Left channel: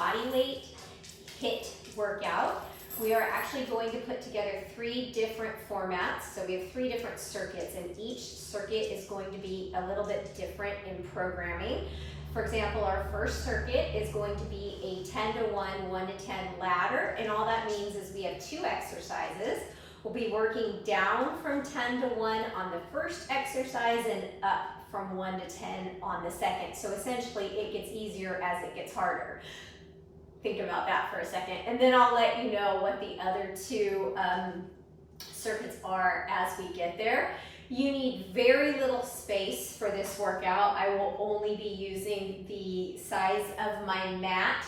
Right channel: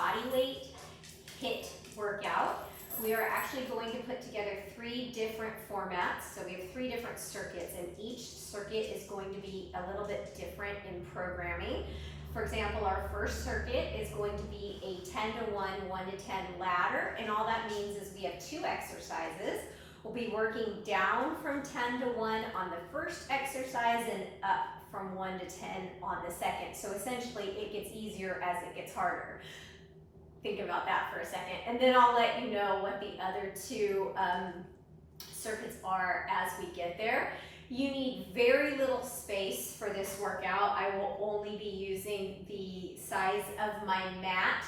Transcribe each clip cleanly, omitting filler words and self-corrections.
bodyweight HIIT workout. We are actually going to put together 3 different formats. So we have 3 different circuits, and each circuit is going to be a little bit different in programming. For example, our first circuit is going to be a 10 to 1, 1 to 10 ladder, and all that means is we have 2 exercises. We'll be working down from 10 to 1 on the first exercise and up from 1 to 10 on the second. So essentially it gets easier as it gets harder. Think about that for a second. And then I'll let you know what the other 2 circuits are as we get there. You need very little space for this workout. I will only be using the size of my mat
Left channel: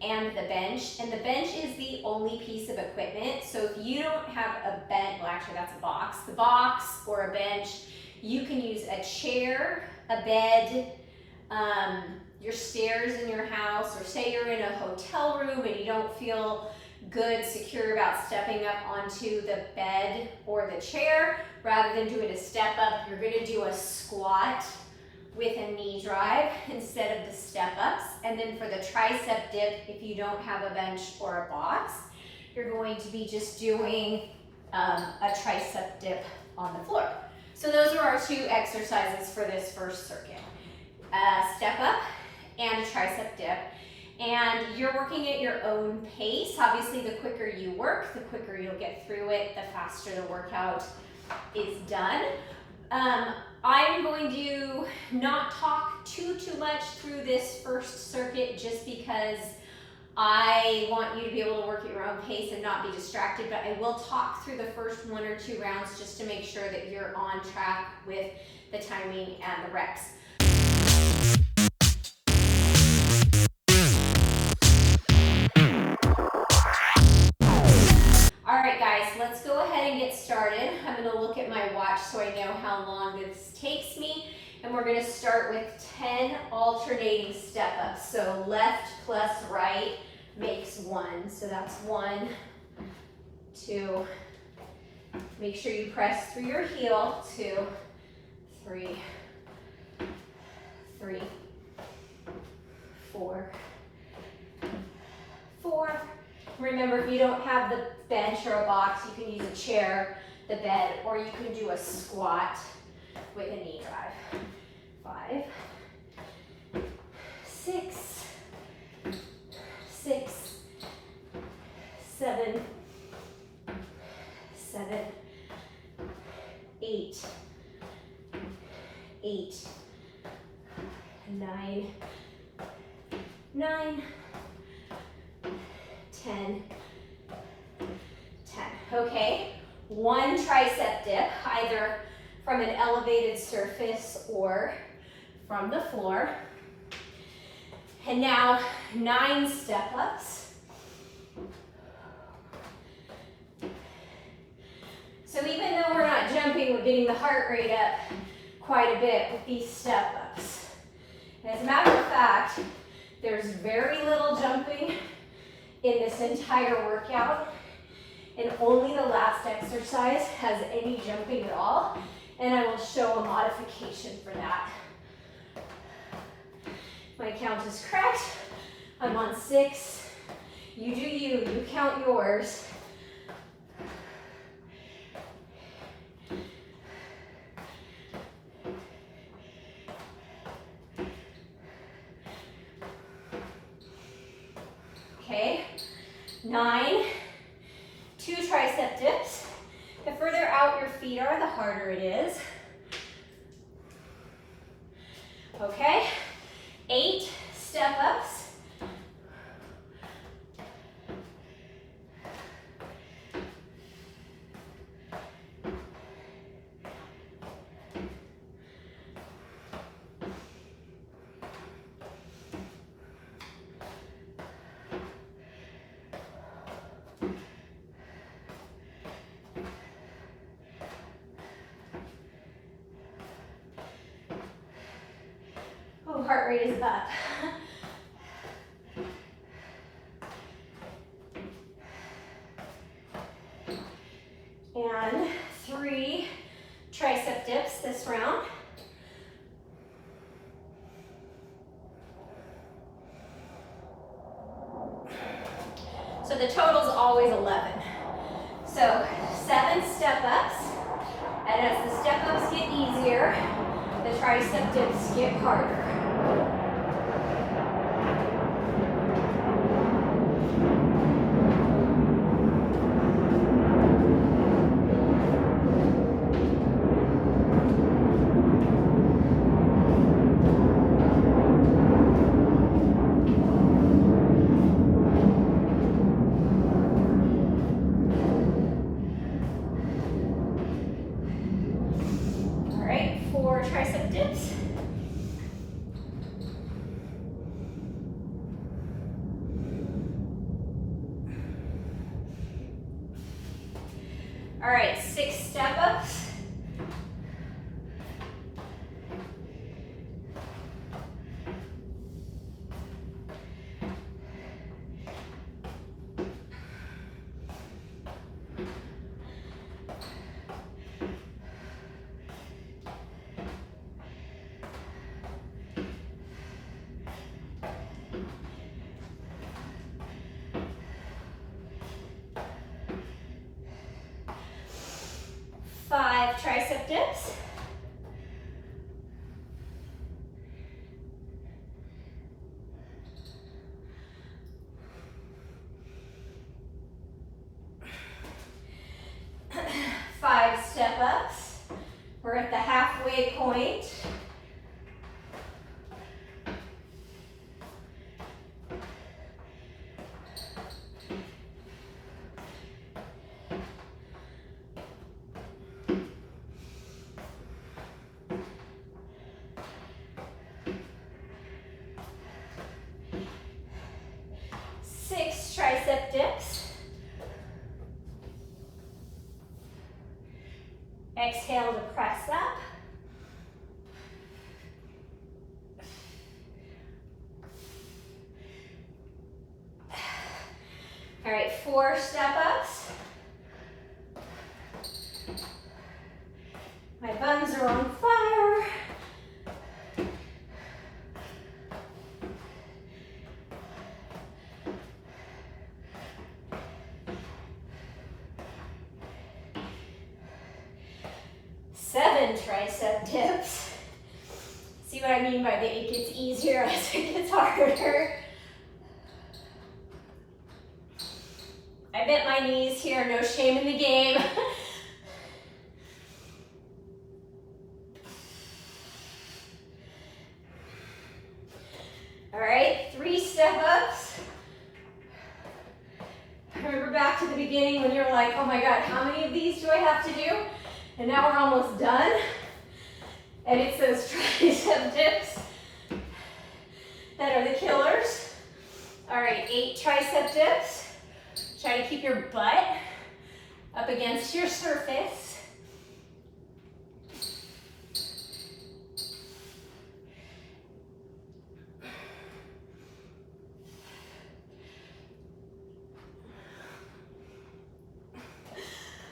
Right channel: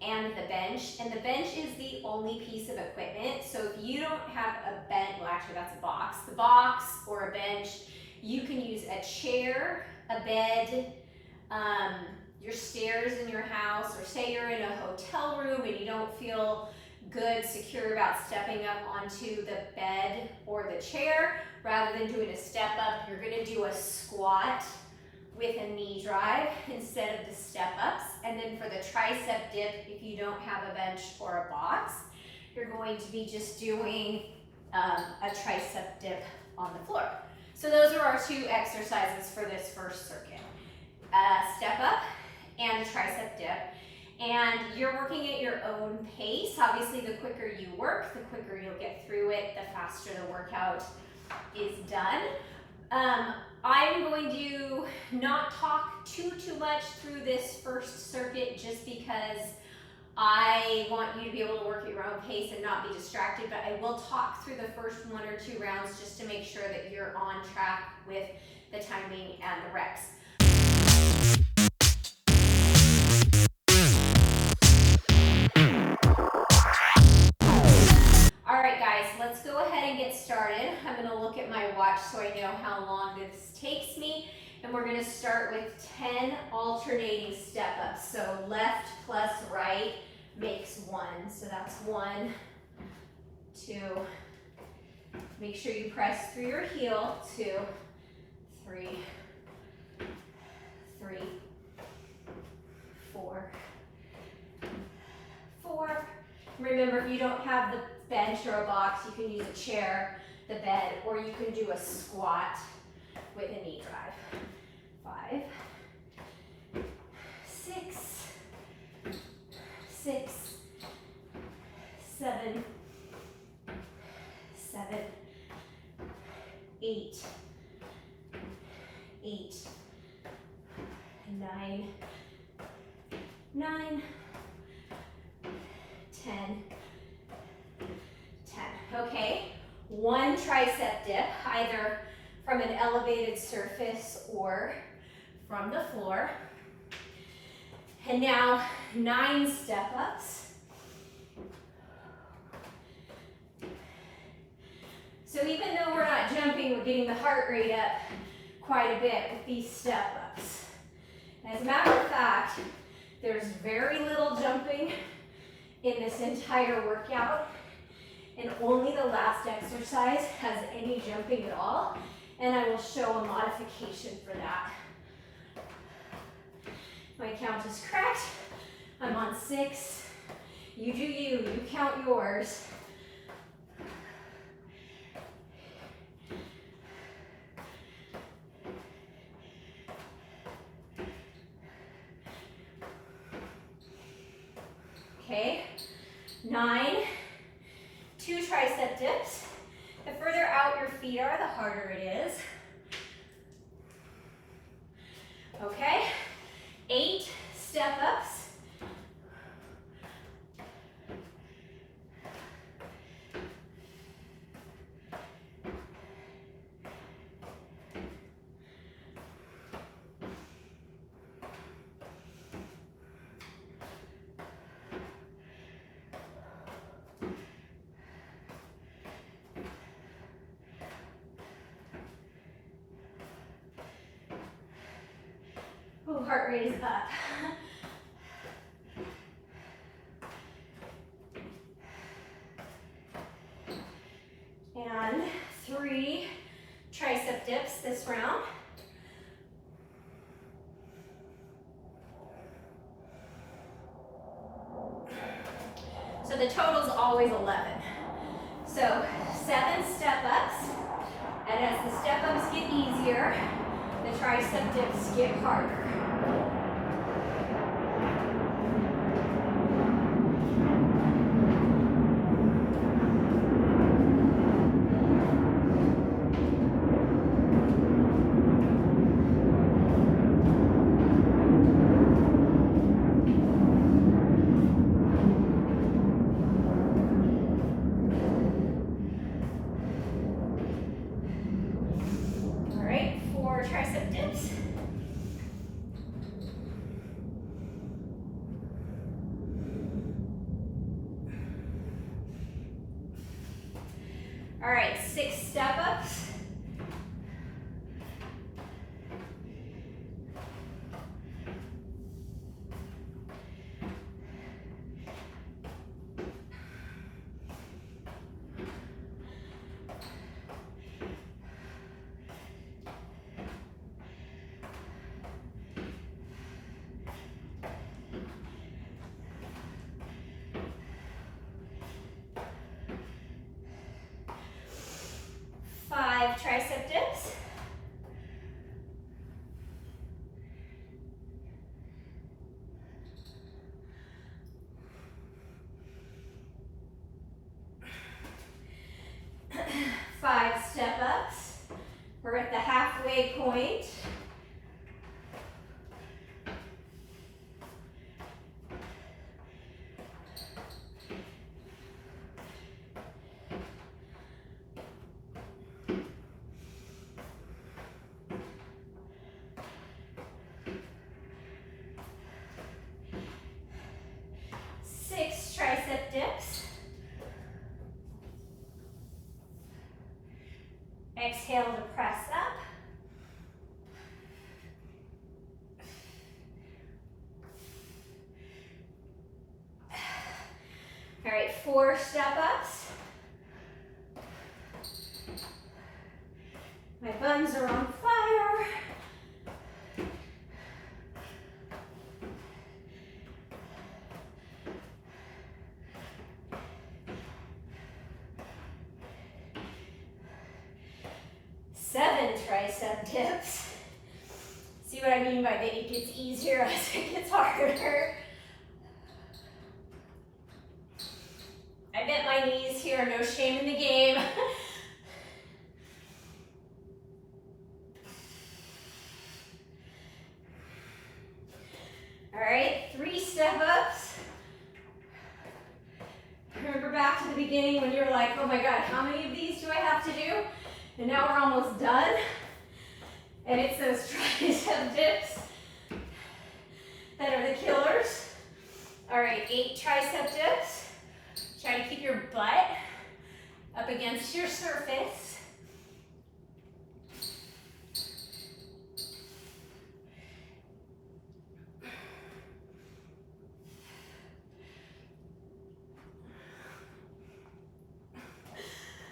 and the bench. And the bench is the only piece of equipment. So if you don't have a bench, well actually that's a box. The box or a bench, you can use a chair, a bed, your stairs in your house, or say you're in a hotel room and you don't feel good, secure about stepping up onto the bed or the chair. Rather than doing a step up, you're gonna do a squat with a knee drive instead of the step ups. And then for the tricep dip, if you don't have a bench or a box, you're going to be just doing a tricep dip on the floor. So those are our 2 exercises for this first circuit. Step up and a tricep dip. And you're working at your own pace. Obviously, the quicker you work, the quicker you'll get through it, the faster the workout is done. I'm going to not talk too much through this first circuit just because I want you to be able to work at your own pace and not be distracted, but I will talk through the first 1 or 2 rounds just to make sure that you're on track with the timing and the reps. All right, guys, let's go ahead and get started. I'm going to look at my watch so I know how long this takes me. And we're going to start with 10 alternating step-ups. So left plus right makes 1. So that's 1, 2. Make sure you press through your heel. 2, 3, 4, 4. Remember, if you don't have the bench or a box, you can use a chair, the bed, or you can do a squat with a knee drive. 5, 6, 6, 7, 8, 8, 9, 9, 10, 10. Okay, 1 tricep dip, either from an elevated surface or from the floor. And now 9 step-ups. So even though we're not jumping, we're getting the heart rate up quite a bit with these step-ups. As a matter of fact, there's very little jumping in this entire workout, and only the last exercise has any jumping at all, and I will show a modification for that. My count is correct. I'm on 6. You do you, you count yours. Okay, 9, 2 tricep dips. The further out your feet are, the harder it is. Okay, 8 step-ups. Oh, heart rate is up. And 3 tricep dips this round. So the total's always 11. So 7 step-ups, and as the step-ups get easier, the tricep dips get harder. Tricep dips. All right, 6 step-ups. Tricep dips. Five step-ups. We're at the halfway point. Tricep dips. Exhale to press up. All right, 4 step-ups. My buns are on fire. Tricep dips. See what I mean by that it gets easier as it gets harder. I bent my knees here, no shame in the game. All right, 3 step-ups. Remember back to the beginning when you were like, oh my God, how many of these do I have to do? And now we're almost done. And it's those tricep dips that are the killers. All right, 8 tricep dips. Try to keep your butt up against your surface.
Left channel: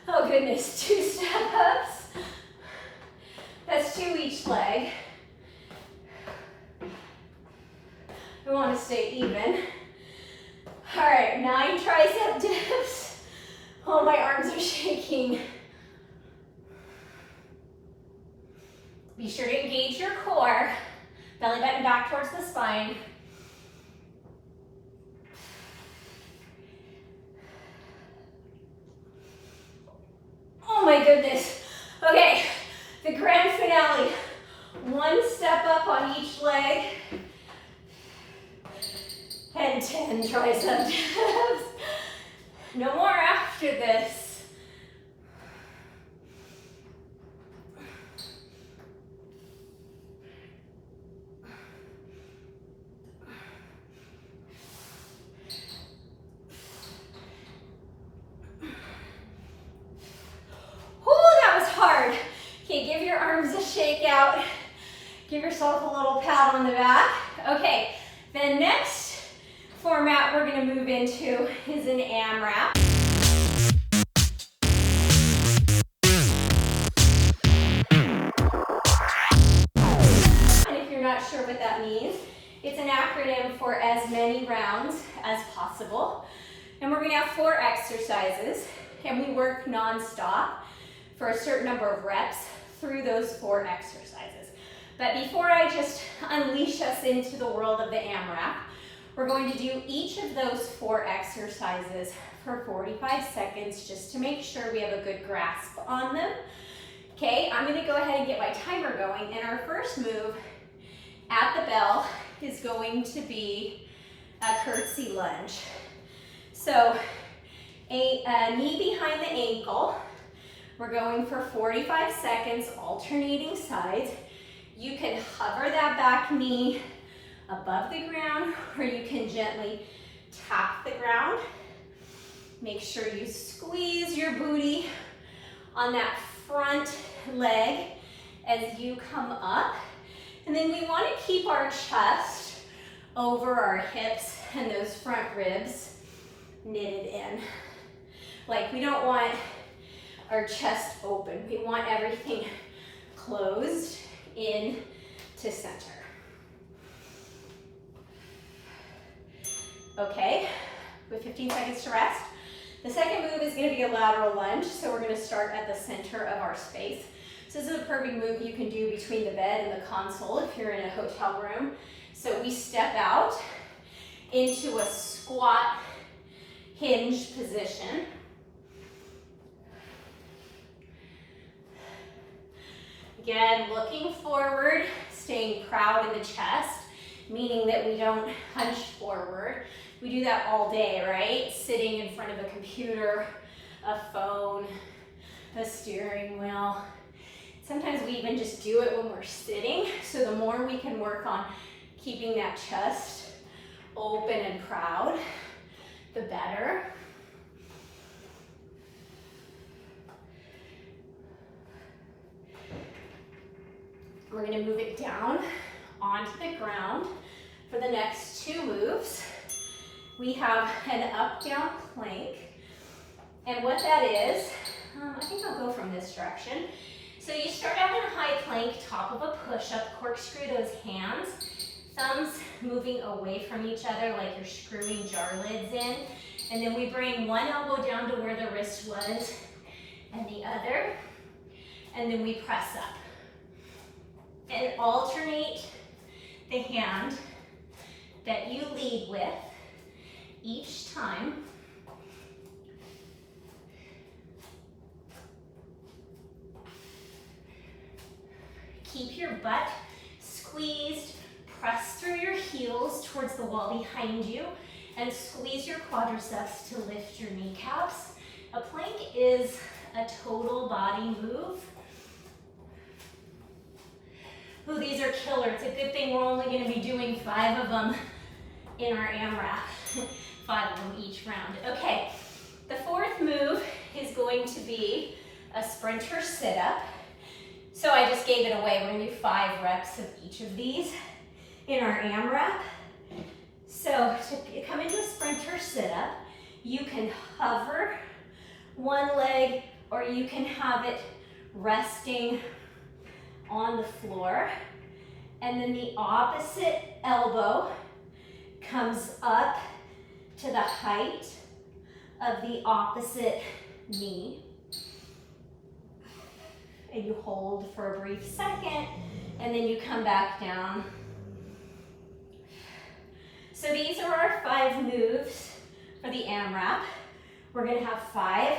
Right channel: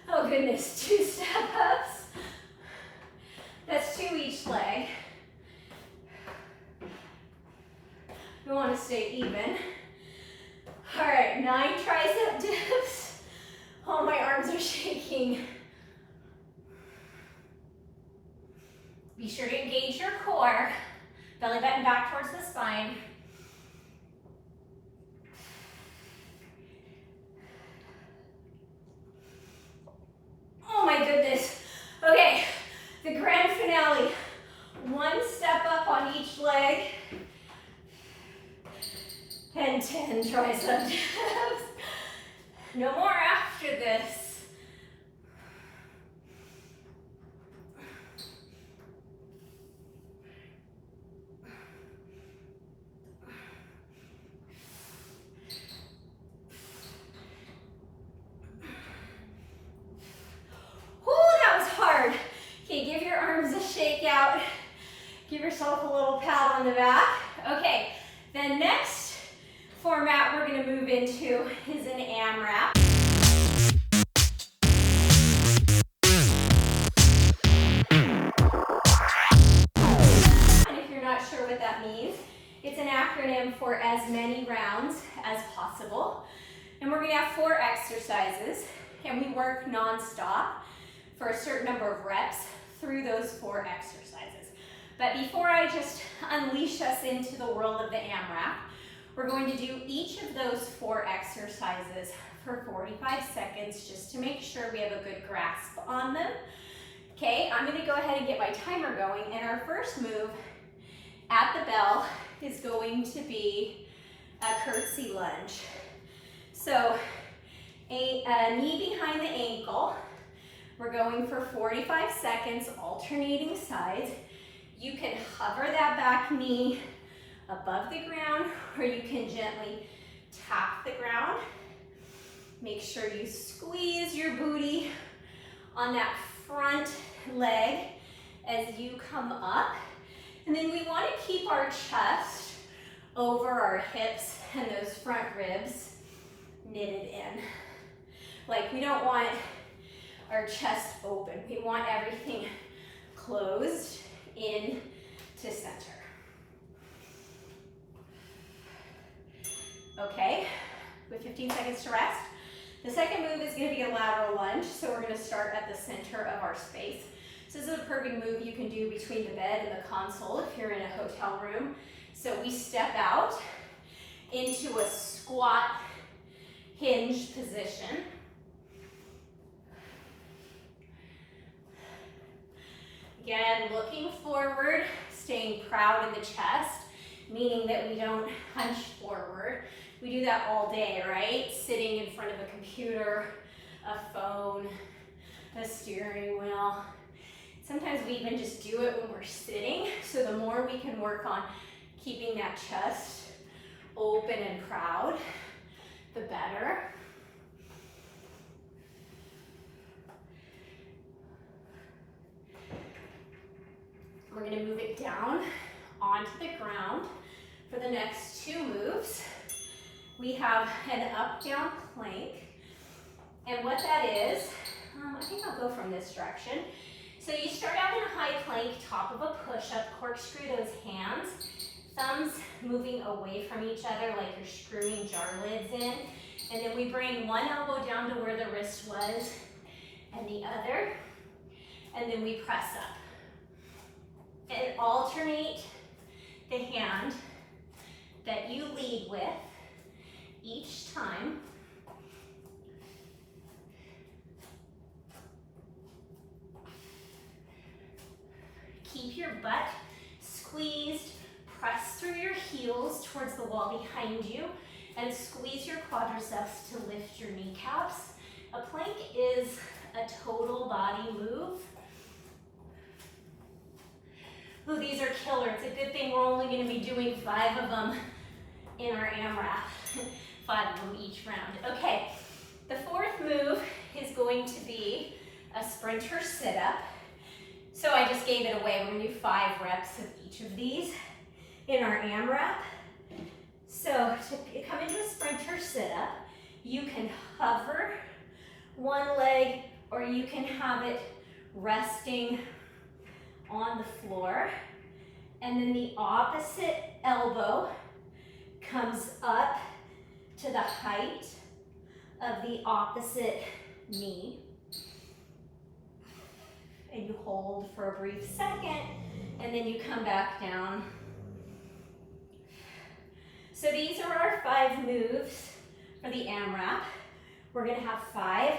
Oh goodness, 2 step-ups. That's 2 each leg. We want to stay even. All right, 9 tricep dips. Oh, my arms are shaking. Be sure to engage your core. Belly button back towards the spine. Oh my goodness. Okay, the grand finale. 1 step up on each leg. And 10 tricep dips. No more after this. Okay, give your arms a shake out. Give yourself a little pat on the back. Okay, the next format we're gonna move into is an AMRAP. And if you're not sure what that means, it's an acronym for as many rounds as possible. And we're gonna have 4 exercises, and we work non-stop for a certain number of reps through those 4 exercises. But before I just unleash us into the world of the AMRAP, we're going to do each of those 4 exercises for 45 seconds just to make sure we have a good grasp on them. Okay, I'm gonna go ahead and get my timer going, and our first move at the bell is going to be a curtsy lunge. So a knee behind the ankle. We're going for 45 seconds, alternating sides. You can hover that back knee above the ground, or you can gently tap the ground. Make sure you squeeze your booty on that front leg as you come up. And then we want to keep our chest over our hips and those front ribs knitted in. Like, we don't want our chest open. We want everything closed in to center. Okay, with 15 seconds to rest. The second move is going to be a lateral lunge, so we're going to start at the center of our space. So this is a perfect move you can do between the bed and the console if you're in a hotel room. So we step out into a squat hinge position. Again, looking forward, staying proud in the chest, meaning that we don't hunch forward. We do that all day, right? Sitting in front of a computer, a phone, a steering wheel. Sometimes we even just do it when we're sitting. So the more we can work on keeping that chest open and proud, the better. We're gonna move it down onto the ground for the next 2 moves. We have an up-down plank. And what that is, I think I'll go from this direction. So you start out in a high plank, top of a push-up, corkscrew those hands, thumbs moving away from each other like you're screwing jar lids in. And then we bring one elbow down to where the wrist was and the other. And then we press up. And alternate the hand that you lead with each time. Keep your butt squeezed, press through your heels towards the wall behind you, and squeeze your quadriceps to lift your kneecaps. A plank is a total body move. Ooh, these are killer. It's a good thing we're only going to be doing 5 of them in our AMRAP. 5 of them each round. Okay, the 4th move is going to be a sprinter sit-up. So I just gave it away. We're going to do 5 reps of each of these in our AMRAP. So to come into a sprinter sit-up, you can hover one leg, or you can have it resting on the floor, and then the opposite elbow comes up to the height of the opposite knee, and you hold for a brief second, and then you come back down. So these are our 5 moves for the AMRAP. We're going to have 5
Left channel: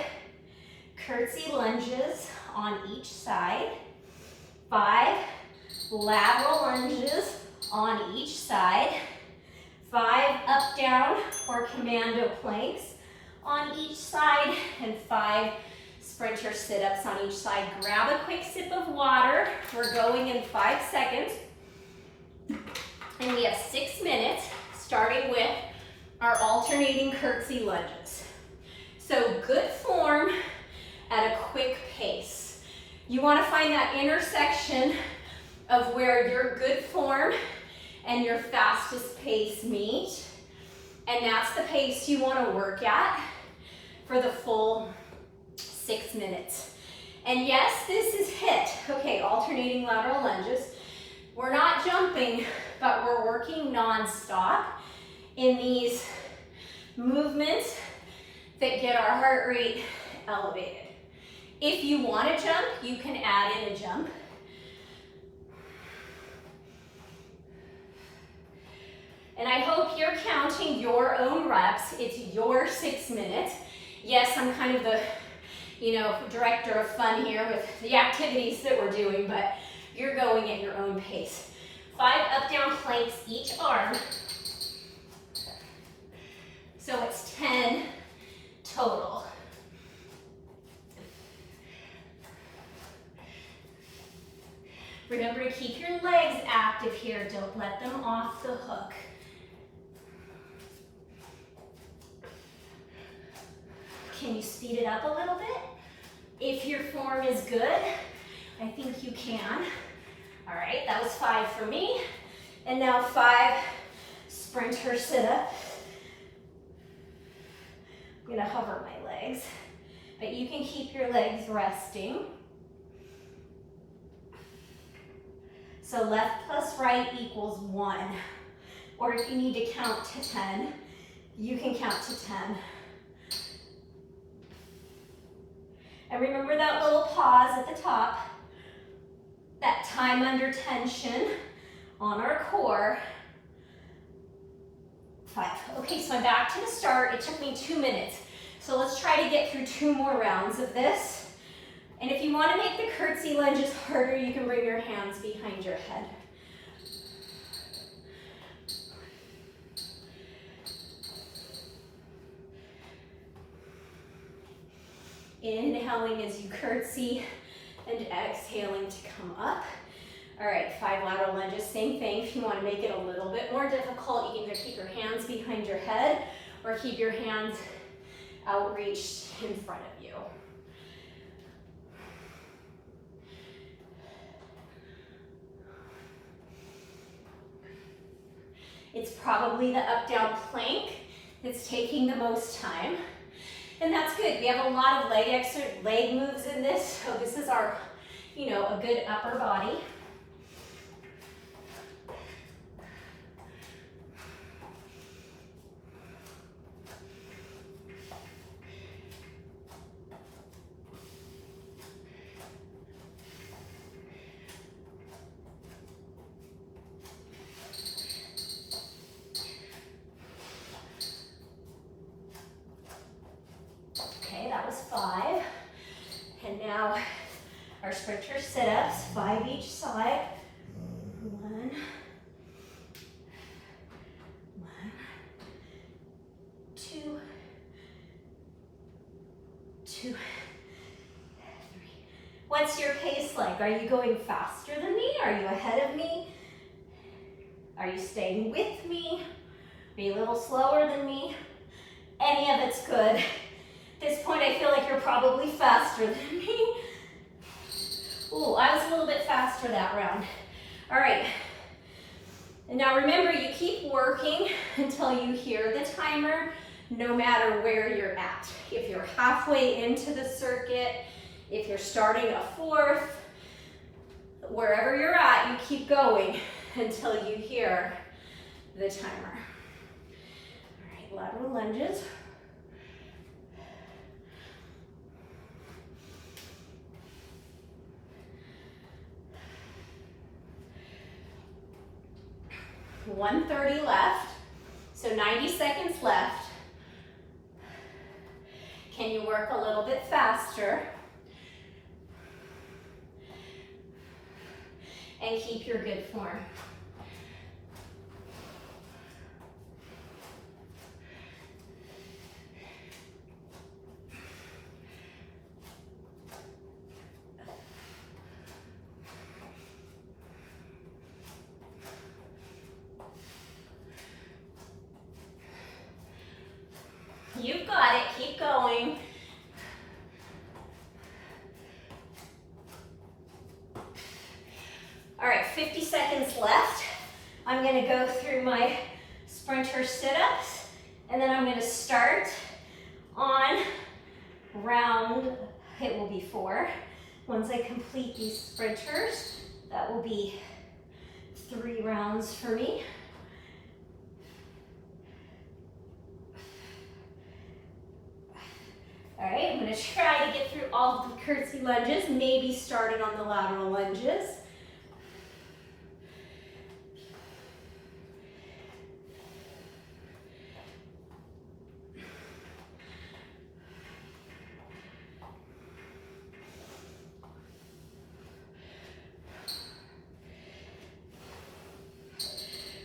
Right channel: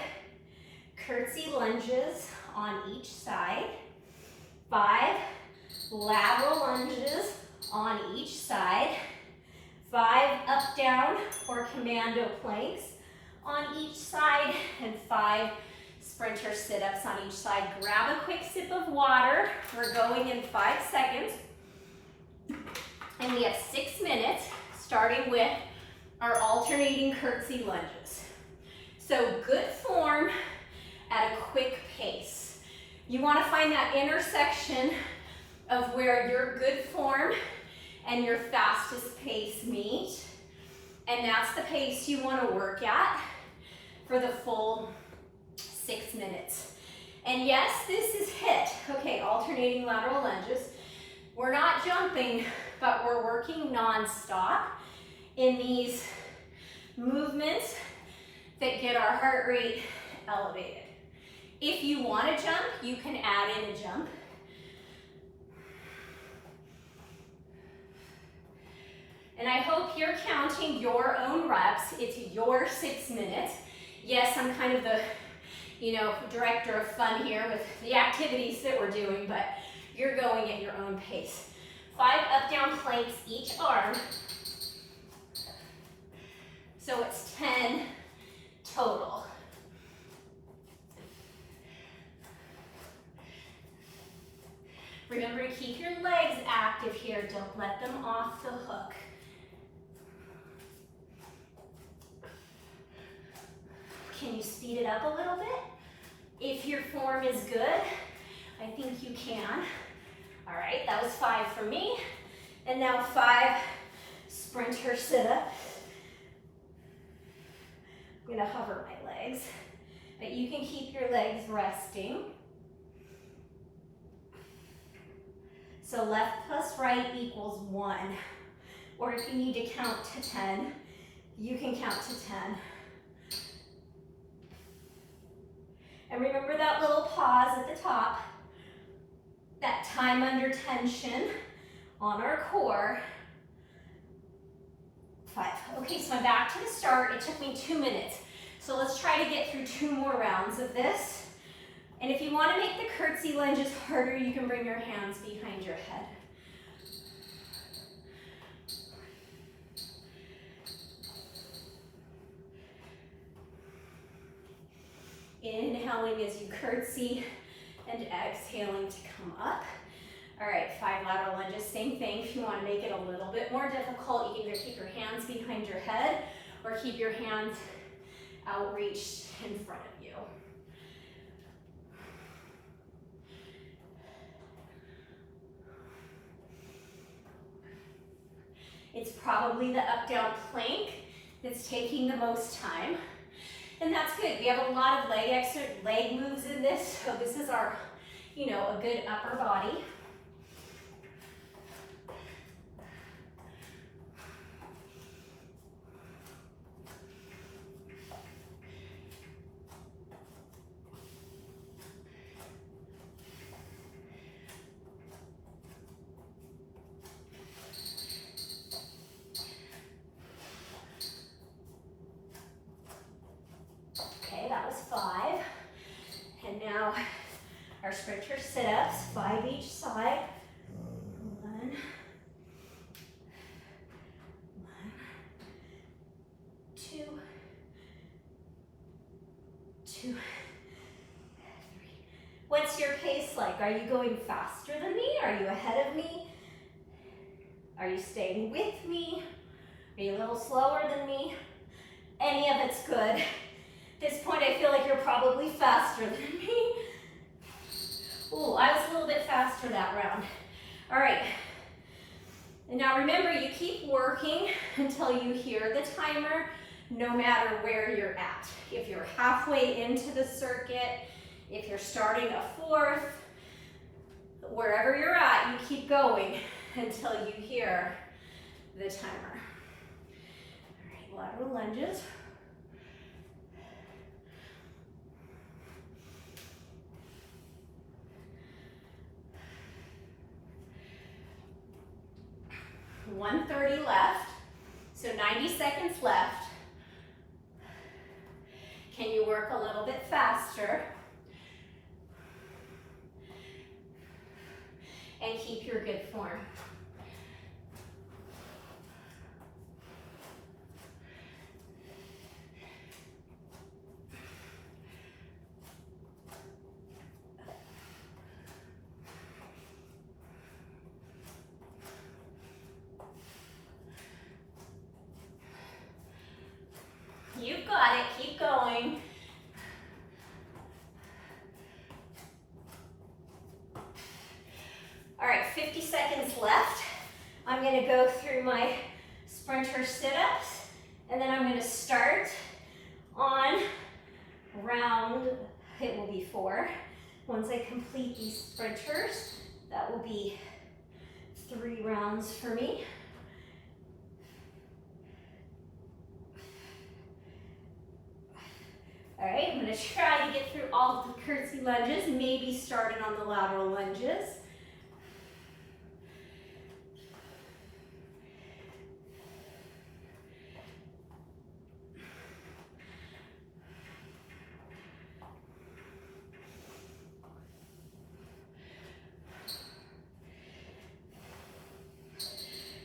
curtsy lunges on each side, 5 lateral lunges on each side, 5 up, down, or commando planks on each side, and 5 sprinter sit-ups on each side. Grab a quick sip of water. We're going in 5 seconds. And we have 6 minutes, starting with our alternating curtsy lunges. So good form at a quick pace. You want to find that intersection of where your good form and your fastest pace meet. And that's the pace you want to work at for the full 6 minutes. And yes, this is HIIT. Okay, alternating lateral lunges. We're not jumping, but we're working non-stop in these movements that get our heart rate elevated. If you want to jump, you can add in a jump. And I hope you're counting your own reps. It's your 6 minutes. Yes, I'm kind of the, director of fun here with the activities that we're doing, but you're going at your own pace. 5 up-down planks each arm. So it's 10 total. Remember to keep your legs active here. Don't let them off the hook. Can you speed it up a little bit? If your form is good, I think you can. All right, that was 5 for me. And now 5 sprinter sit-ups. I'm gonna hover my legs, but you can keep your legs resting. So left plus right equals 1. Or if you need to count to 10, you can count to 10. And remember that little pause at the top, that time under tension on our core. 5. Okay, so I'm back to the start. It took me 2 minutes. So let's try to get through 2 more rounds of this. And if you want to make the curtsy lunges harder, you can bring your hands behind your head. Inhaling as you curtsy and exhaling to come up. All right, 5 lateral lunges, same thing. If you want to make it a little bit more difficult, you can either keep your hands behind your head or keep your hands outreached in front of you. It's probably the up-down plank that's taking the most time. And that's good. We have a lot of leg moves in this. So this is our, a good upper body. That was 5. And now our sprinter sit-ups, 5 each side. 1, 2, 2, 3. What's your pace like? Are you going faster than me? Are you ahead of me? Are you staying with me? Are you a little slower than me? Any of it's good. At this point, I feel like you're probably faster than me. Ooh, I was a little bit faster that round. All right. And now remember, you keep working until you hear the timer, no matter where you're at. If you're halfway into the circuit, if you're starting a 4th, wherever you're at, you keep going until you hear the timer. All right, lateral lunges. $130 left, so 90 seconds left. Can you work a little bit faster? And keep your good form. You've got it, keep going. All right, 50 seconds left. I'm gonna go through my sprinter sit-ups, and then I'm gonna start on round, it will be 4. Once I complete these sprinters, that will be 3 rounds for me. All right, I'm gonna try to get through all of the curtsy lunges, maybe started on the lateral lunges.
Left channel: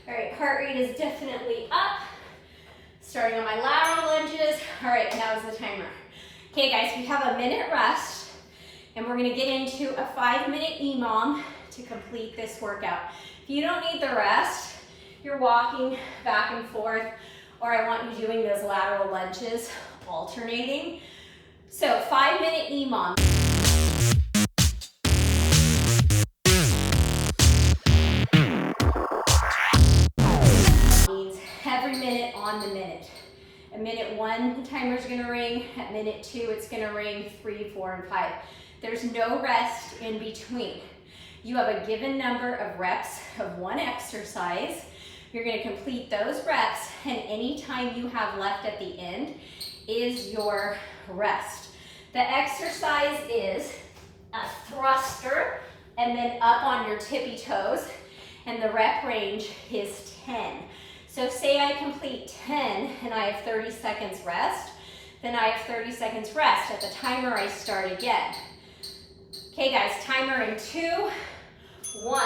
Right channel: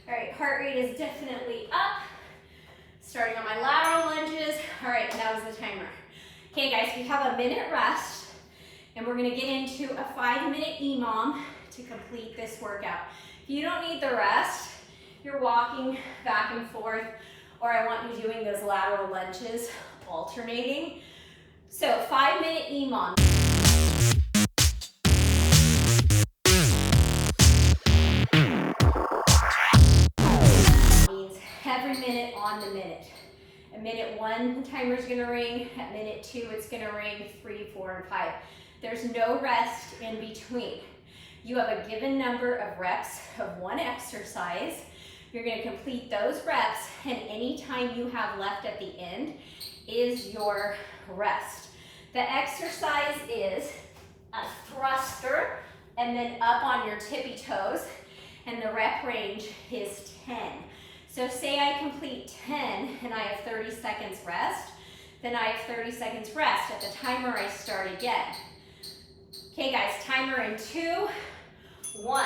All right, heart rate is definitely up. Starting on my lateral lunges. All right, now's the timer. Okay guys, we have a minute rest and we're gonna get into a 5-minute EMOM to complete this workout. If you don't need the rest, you're walking back and forth, or I want you doing those lateral lunges alternating. So 5-minute EMOM. Means every minute on the minute. At minute 1, the timer's gonna ring. At minute 2, it's gonna ring. 3, 4, and 5. There's no rest in between. You have a given number of reps of one exercise. You're gonna complete those reps, and any time you have left at the end is your rest. The exercise is a thruster, and then up on your tippy toes, and the rep range is 10. So say I complete 10 and I have 30 seconds rest, then I have 30 seconds rest. At the timer, I start again. Okay guys, timer in 2, 1.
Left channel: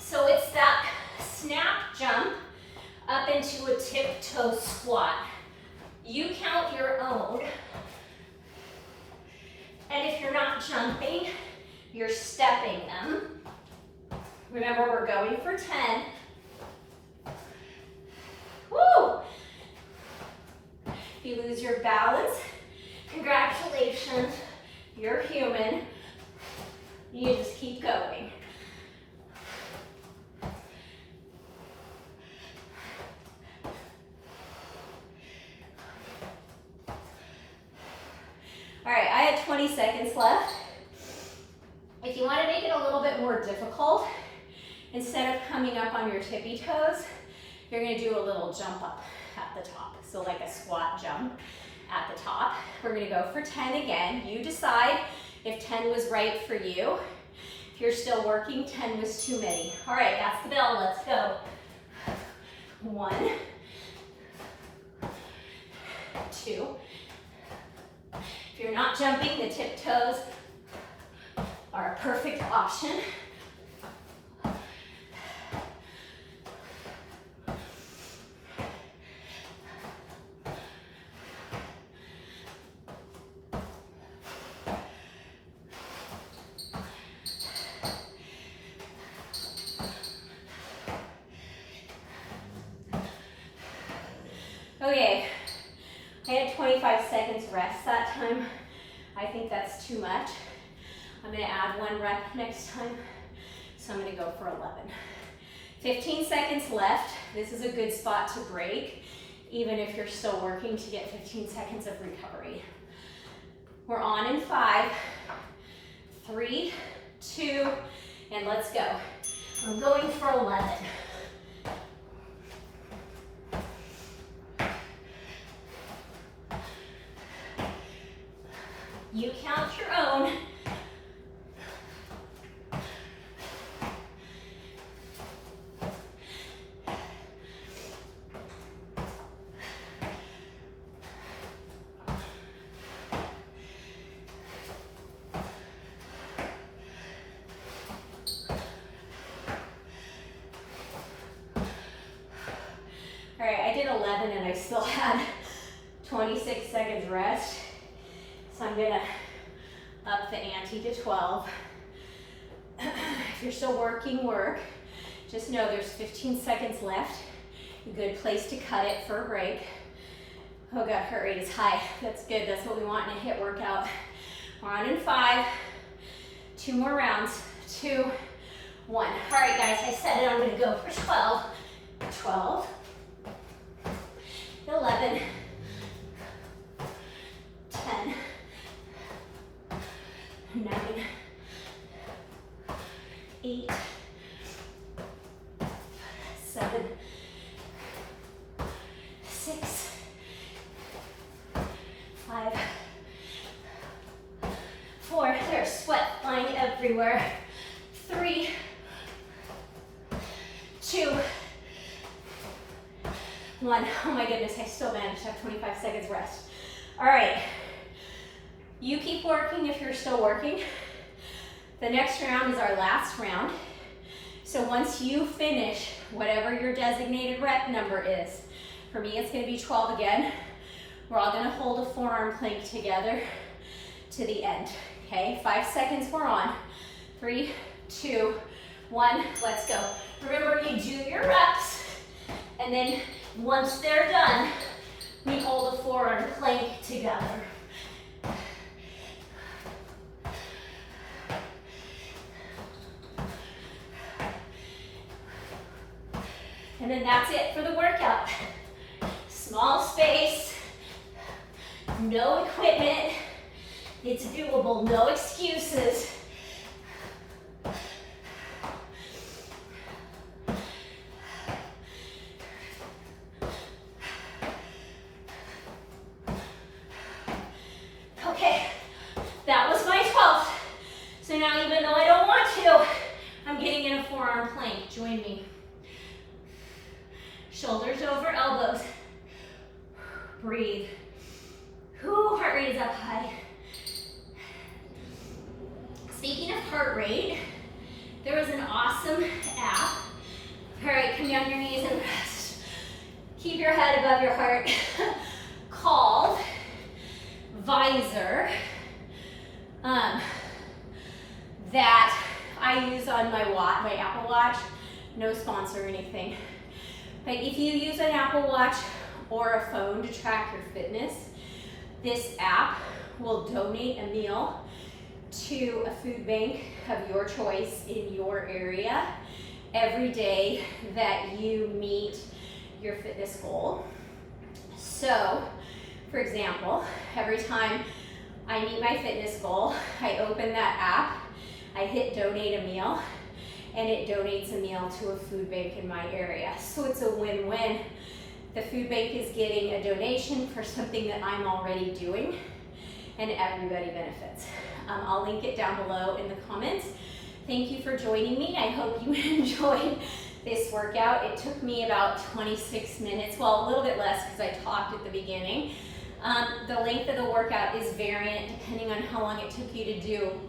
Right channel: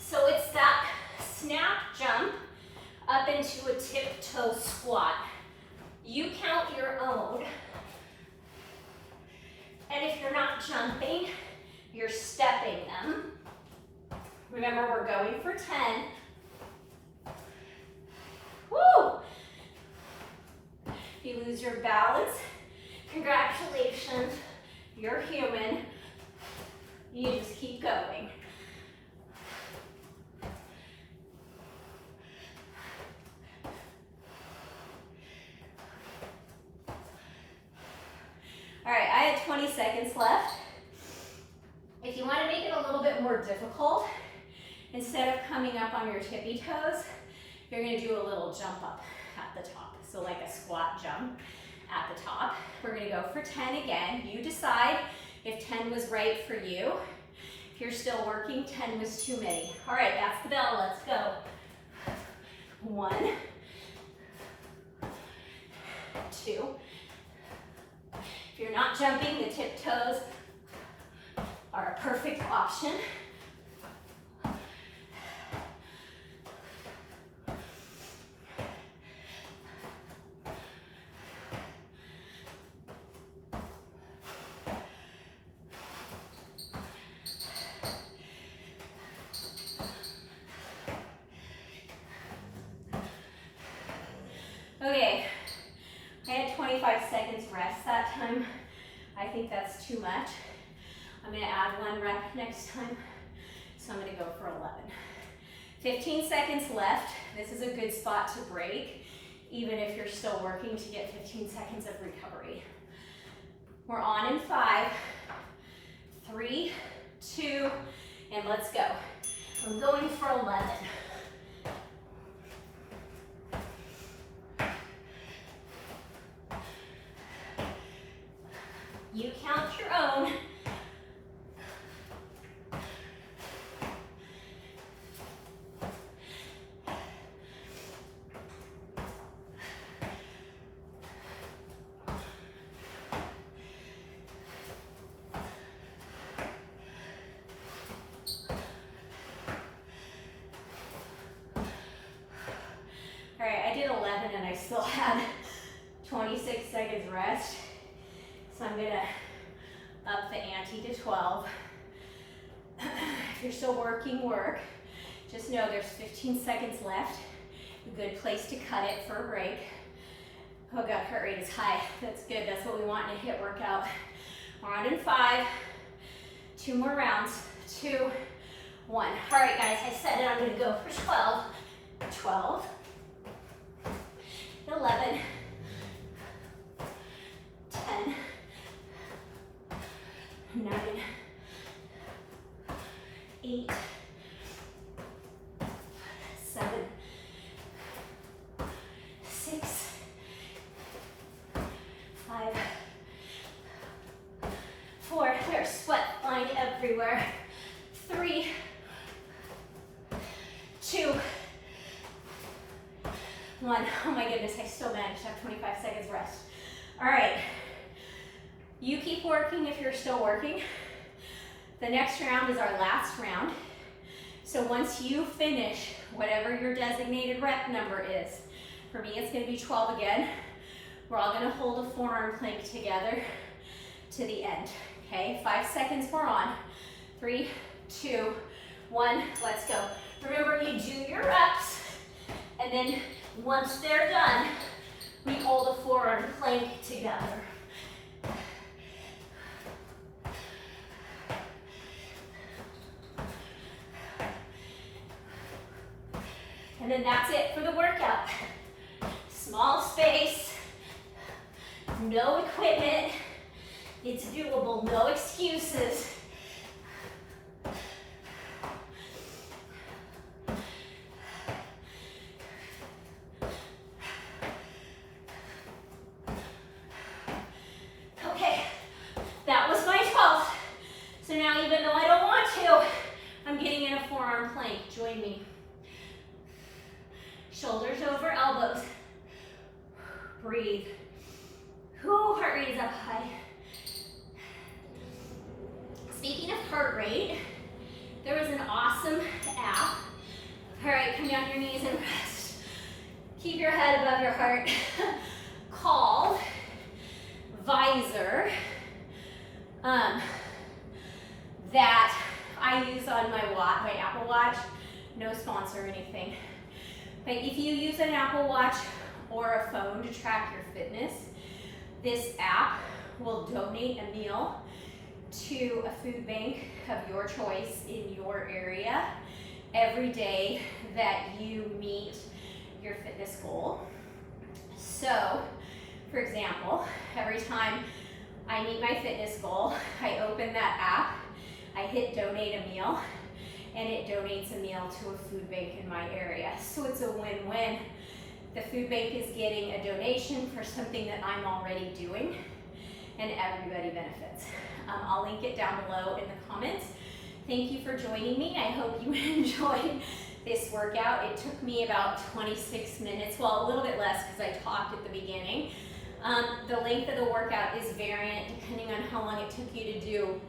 So it's that snap jump up into a tiptoe squat. You count your own. And if you're not jumping, you're stepping them. Remember, we're going for 10. Woo! If you lose your balance, congratulations, you're human. You just keep going. All right, I had 20 seconds left. If you want to make it a little bit more difficult, instead of coming up on your tippy toes, you're gonna do a little jump up at the top. So like a squat jump at the top. We're gonna go for 10 again. You decide if 10 was right for you. If you're still working, 10 was too many. All right, that's the bell, let's go. 1, 2. If you're not jumping, the tiptoes are a perfect option. Okay, I had 25 seconds rest that time. I think that's too much. I'm gonna add 1 rep next time, so I'm gonna go for 11. 15 seconds left. This is a good spot to break, even if you're still working, to get 15 seconds of recovery. We're on in 5, 3, 2, and let's go. I'm going for 11. You count your own. All right, I did 11 and I still had 26 seconds rest. So I'm gonna up the ante to 12. If you're still working, work. Just know there's 15 seconds left. A good place to cut it for a break. Oh God, heart rate is high. That's good, that's what we want in a HIIT workout. We're on in 5, 2 more rounds, 2, 1. All right guys, I said it, I'm gonna go for 12. 12, 11, 10, 9, 8, 7, 6, 5, there's sweat flying everywhere. 3, 2, 1. Oh my goodness, I still managed to have 25 seconds rest. All right, you keep working if you're still working. The next round is our last round. So once you finish whatever your designated rep number is, for me it's gonna be 12 again, we're all gonna hold a forearm plank together to the end, okay? 5 seconds, we're on. 3, 2, 1, let's go. Remember, you do your reps, and then once they're done, we hold a forearm plank together. And then that's it for the workout. Small space, no equipment. It's doable, no excuses. Okay, that was my 12th. So now even though I don't want to, I'm getting in a forearm plank. Join me. Shoulders over elbows. Breathe. Ooh, heart rate is up high. Speaking of heart rate, there was an awesome app. All right, come down your knees and rest. Keep your head above your heart. Called Visor, that I use on my Apple Watch. No sponsor or anything. But if you use an Apple Watch or a phone to track your fitness, this app will donate a meal to a food bank of your choice in your area every day that you meet your fitness goal. So, for example, every time I meet my fitness goal, I open that app, I hit donate a meal, and it donates a meal to a food bank in my area. So it's a win-win. The food bank is getting a donation for something that I'm already doing, and everybody benefits. I'll link it down below in the comments. Thank you for joining me. I hope you enjoyed this workout. It took me about 26 minutes, well, a little bit less because I talked at the beginning. The length of the workout is variant depending on how long it took you to do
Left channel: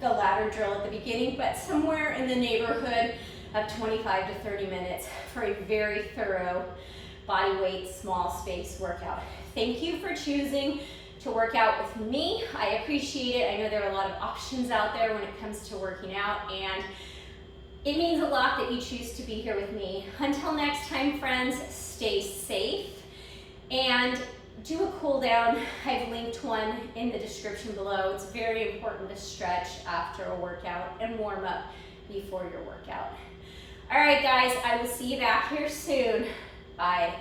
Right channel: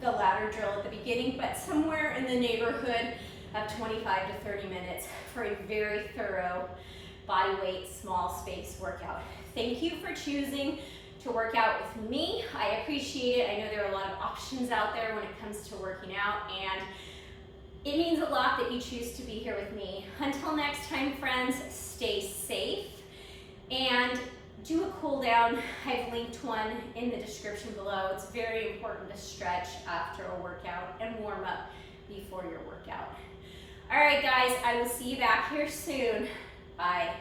the ladder drill at the beginning, but somewhere in the neighborhood of 25 to 30 minutes for a very thorough body weight, small space workout. Thank you for choosing to work out with me. I appreciate it. I know there are a lot of options out there when it comes to working out, and it means a lot that you choose to be here with me. Until next time, friends, stay safe and do a cool down. I've linked one in the description below. It's very important to stretch after a workout and warm up before your workout. All right, guys, I will see you back here soon. Bye.